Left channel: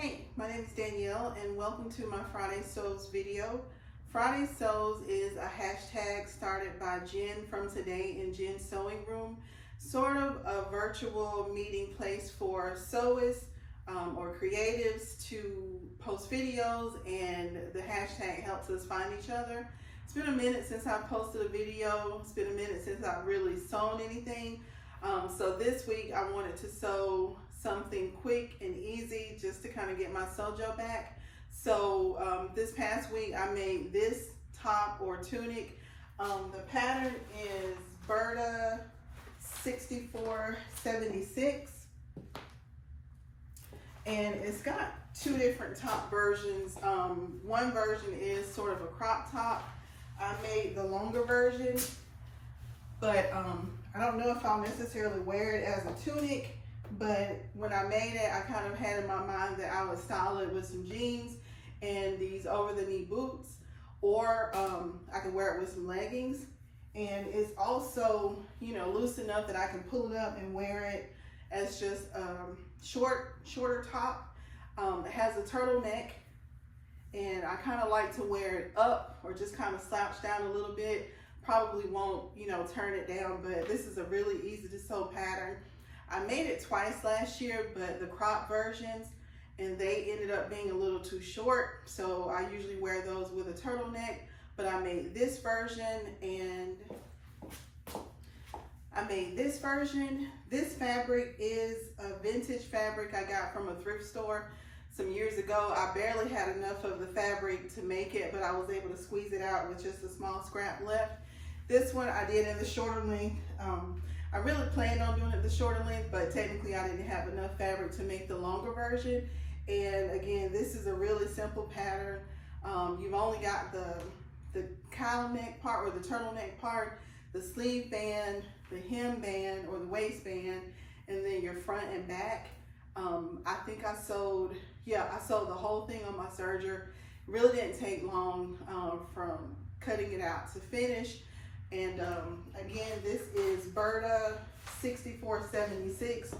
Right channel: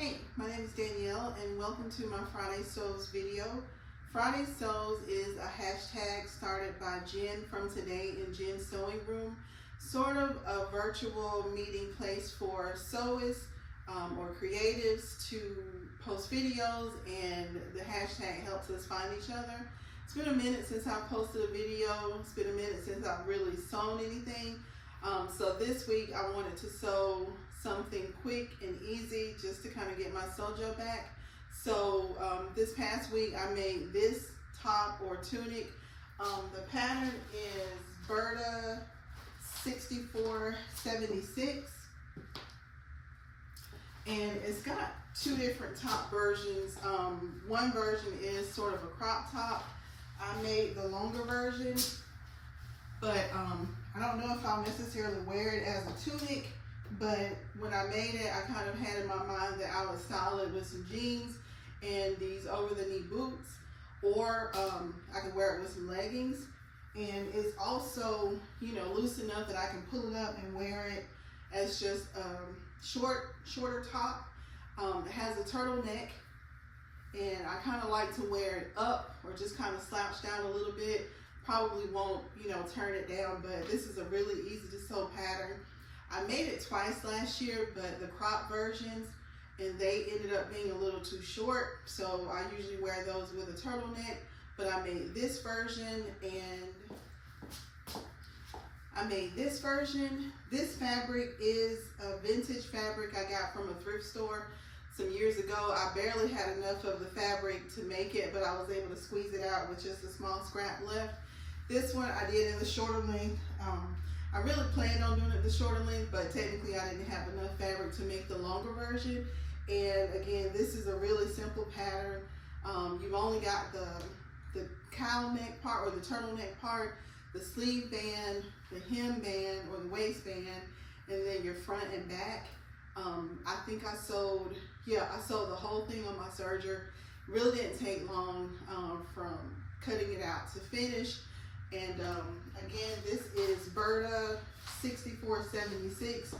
Hey, my name is Danielle and welcome to my Friday Sews video. Friday Sews is a hashtag started by Jen from Today in Jen's Sewing Room, sort of a virtual meeting place for sewists or creatives to post videos, and the hashtag helps us find each other. It's been a minute since I posted a video. It's been a minute since I've really sewn anything. So this week I wanted to sew something quick and easy just to kind of get my sewjo back. So this past week I made this top or tunic. The pattern is Berta 6476, and it's got two different top versions. One version is sort of a crop top. I made the longer version, but I don't know if I'll necessarily wear it as a tunic. But when I made it, I kind of had in my mind that I would style it with some jeans and these over-the-knee boots, or I could wear it with some leggings. And it's also, you know, loose enough that I can pull it up and wear it as just a shorter top. It has a turtleneck, and I kind of like to wear it up or just kind of slouch down a little bit. Probably won't, you know, turn it down, but this is a really easy to sew pattern. I made it twice last year, but the crop versions, and they ended up being a little too short. So I usually wear those with a turtleneck, but I made this version, and I made this version. This fabric is a vintage fabric I got from a thrift store some years ago. I barely had enough of the fabric to make it, but I was able to squeeze it out with just a small scrap left. This one I did in the shorter length. I really planned on doing it the shorter length, but technically I didn't have enough fabric to make the longer version. And again, this is a really simple pattern. You've only got the cowl neck part or the turtleneck part, the sleeve band, the hem band or the waistband, and then your front and back. I think I sewed the whole thing on my serger. Really didn't take long from cutting it out to finish. And again, this is Berta 6476.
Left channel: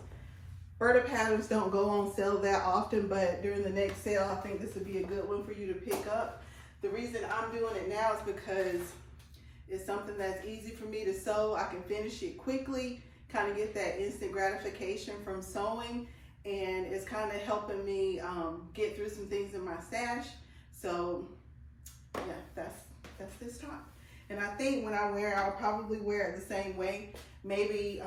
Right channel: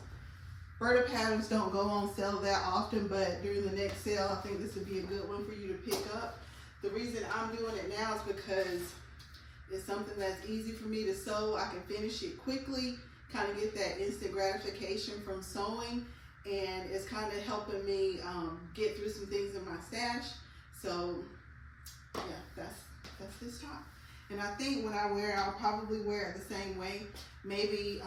Berta patterns don't go on sale that often, but during the next sale, I think this would be a good one for you to pick up. The reason I'm doing it now is because it's something that's easy for me to sew. I can finish it quickly, kind of get that instant gratification from sewing, and it's kind of helping me get through some things in my stash. So yeah, that's this top. And I think when I wear it, I'll probably wear it the same way. Maybe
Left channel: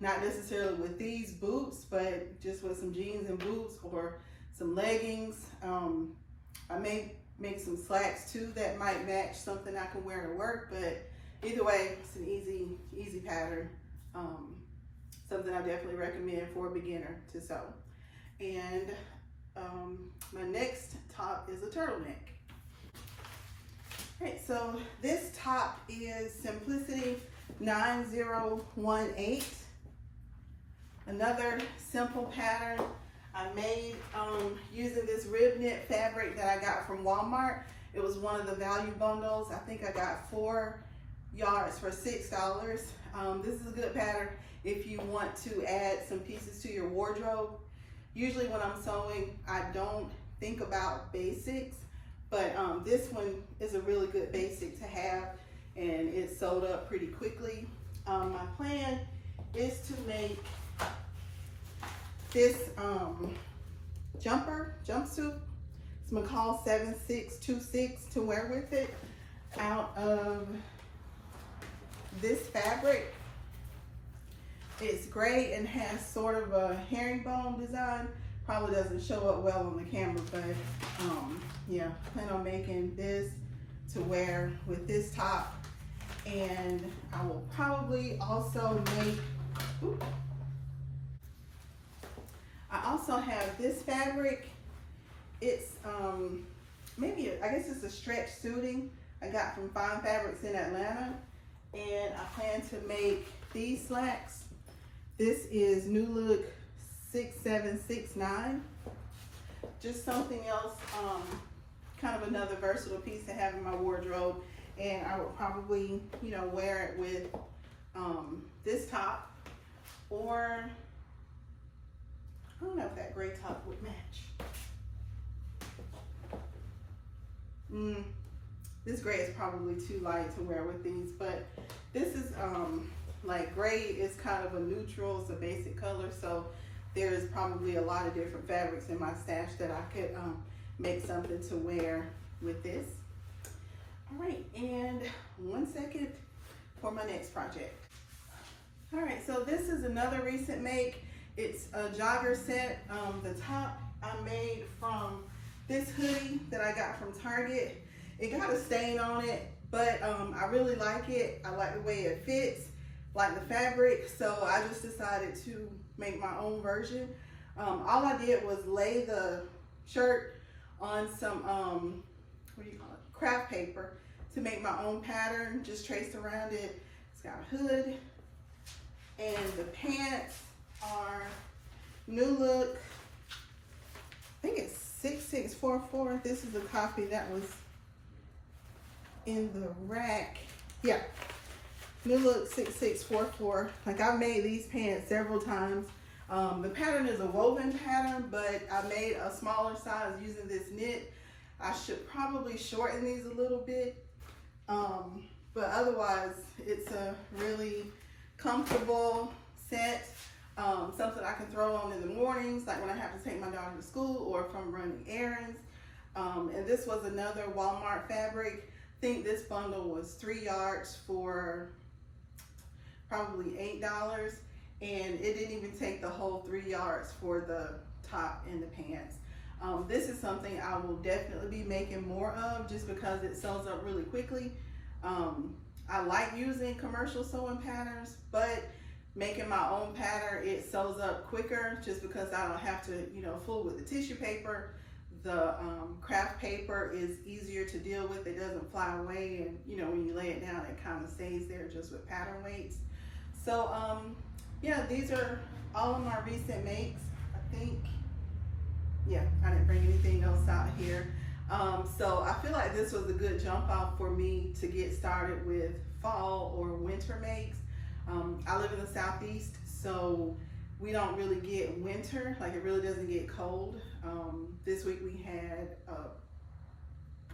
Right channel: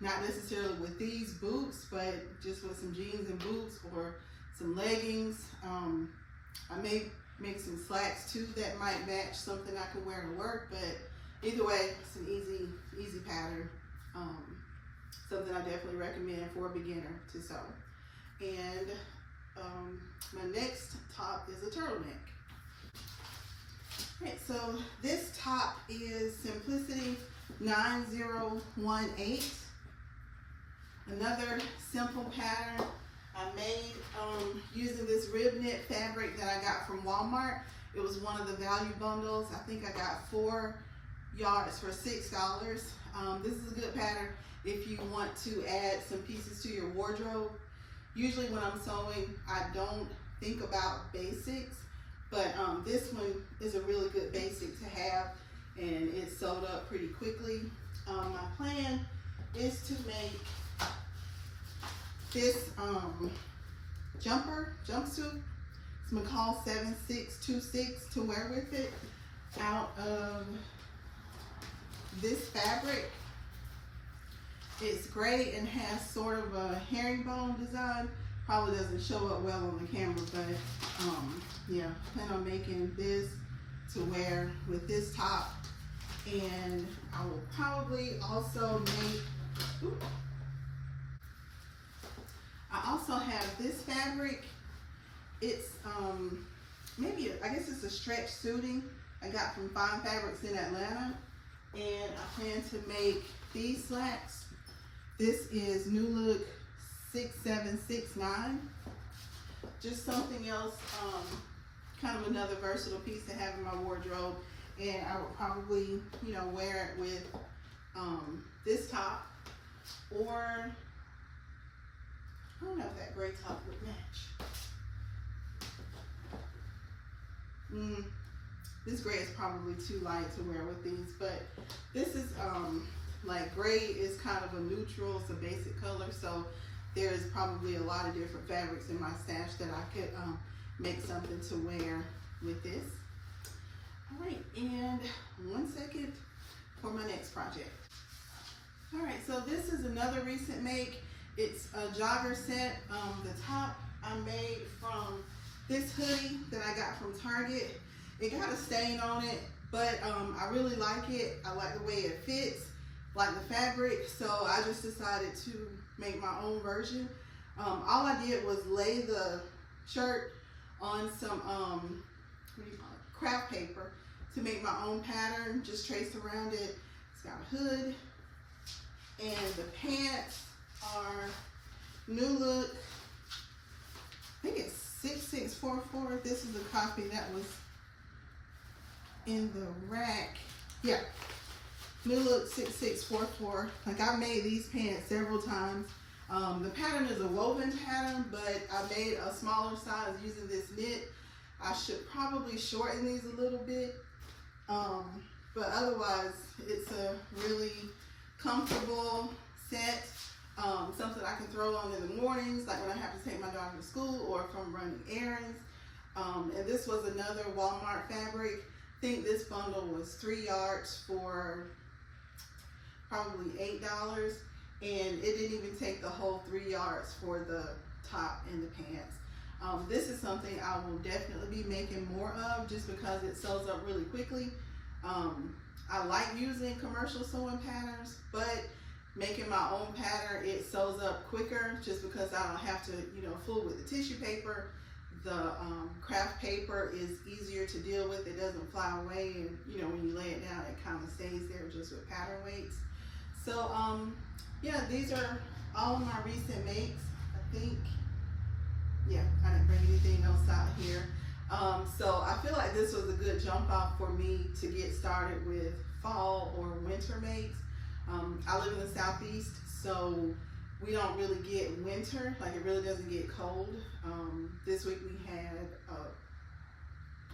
not necessarily with these boots, but just with some jeans and boots or some leggings. I may make some slacks too that might match something I can wear to work, but either way, it's an easy pattern. Something I definitely recommend for a beginner to sew. And my next top is a turtleneck. All right, so this top is Simplicity 9018. Another simple pattern I made using this rib knit fabric that I got from Walmart. It was one of the value bundles. I think I got 4 yards for $6. This is a good pattern if you want to add some pieces to your wardrobe. Usually when I'm sewing, I don't think about basics. But this one is a really good basic to have, and it's sewed up pretty quickly. My plan is to make this jumpsuit. It's McCall 7626 to wear with it, out of this fabric. It's gray and has sort of a herringbone design. Probably doesn't show up well on the camera, but yeah, plan on making this to wear with this top. And I will probably also make, I also have this fabric. It's I guess it's a stretch suiting I got from Fine Fabrics in Atlanta, and I plan to make these slacks. This is New Look 6769. Just something else, kind of another versatile piece to have in my wardrobe, and I would probably, you know, wear it with this top, or I don't know if that gray top would match. This gray is probably too light to wear with these, but this is like gray is kind of a neutral, it's a basic color, so there is probably a lot of different fabrics in my stash that I could make something to wear with this. All right, and 1 second for my next project. All right, so this is another recent make. It's a jogger set. The top I made from this hoodie that I got from Target. It got a stain on it, but I really like it. I like the way it fits, like the fabric, so I just decided to make my own version. All I did was lay the shirt on some, what do you call it, craft paper to make my own pattern, just traced around it. It's got a hood, and the pants are New Look, I think it's 6644. This is a copy that was in the rack. Yeah, New Look 6644. Like, I've made these pants several times. The pattern is a woven pattern, but I made a smaller size using this knit. I should probably shorten these a little bit, but otherwise it's a really comfortable set. Something I can throw on in the mornings, like when I have to take my daughter to school or if I'm running errands. And this was another Walmart fabric. I think this bundle was 3 yards for probably $8, and it didn't even take the whole 3 yards for the top and the pants. This is something I will definitely be making more of just because it sews up really quickly. I like using commercial sewing patterns, but making my own pattern, it sews up quicker just because I don't have to, you know, fool with the tissue paper. The craft paper is easier to deal with. It doesn't fly away, and you know, when you lay it down, it kind of stays there just with pattern weights. So yeah, these are all of my recent makes. I think, yeah, I didn't bring anything else out here. So I feel like this was a good jump off for me to get started with fall or winter makes. I live in the Southeast, so we don't really get winter, like it really doesn't get cold. This week we had,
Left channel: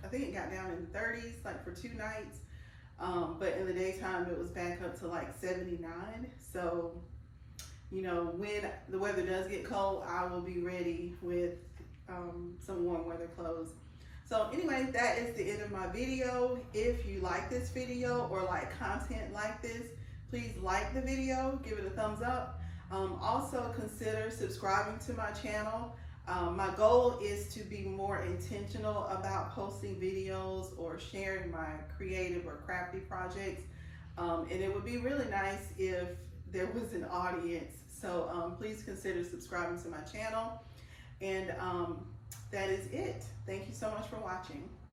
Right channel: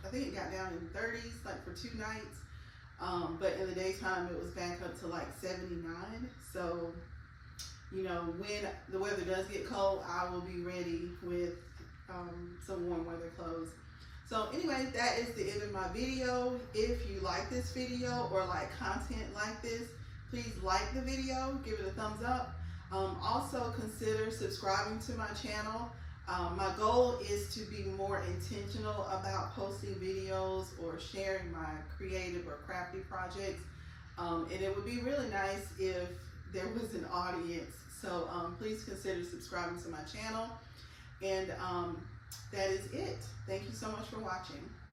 I think it got down in the 30s, like for 2 nights. But in the daytime it was back up to like 79. So, you know, when the weather does get cold, I will be ready with some warm weather clothes. So anyway, that is the end of my video. If you like this video or like content like this, please like the video, give it a thumbs up. Also consider subscribing to my channel. My goal is to be more intentional about posting videos or sharing my creative or crafty projects. And it would be really nice if there was an audience. So please consider subscribing to my channel. And that is it. Thank you so much for watching.